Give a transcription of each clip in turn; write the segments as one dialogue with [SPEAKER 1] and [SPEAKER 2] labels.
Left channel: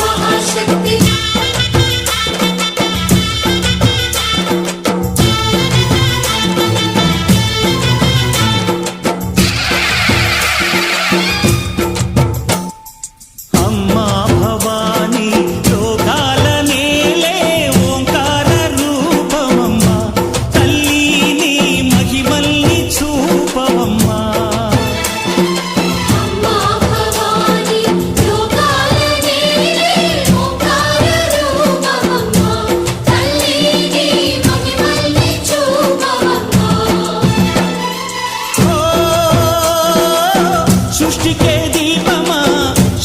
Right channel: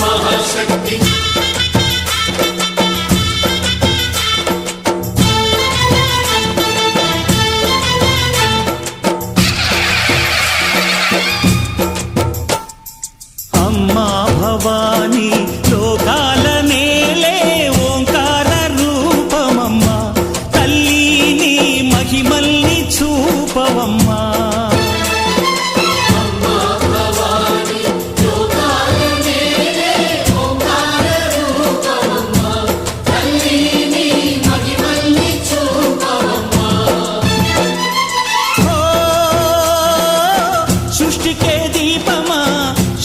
[SPEAKER 1] महाशक्ति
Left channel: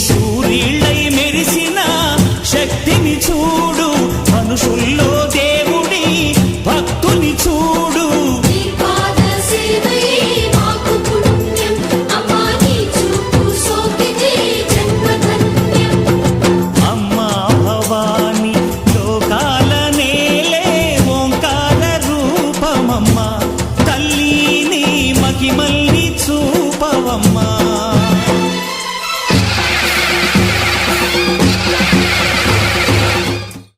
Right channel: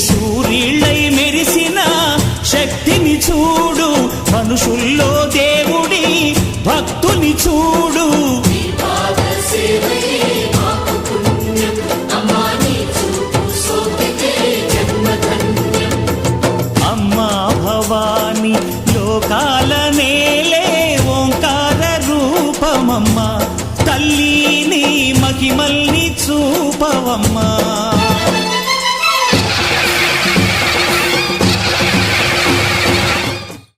[SPEAKER 1] సూర్యుళ్ళై మెరిసిన శక్తిని చూడు. మనుషుల్లో దేవుడి భక్తుని చూడు. అమ్మా భవాని లోకాల నేలే ఓంకార రూపమమ్మా. తల్లి నీ మహిమల్ని చూపవమ్మా.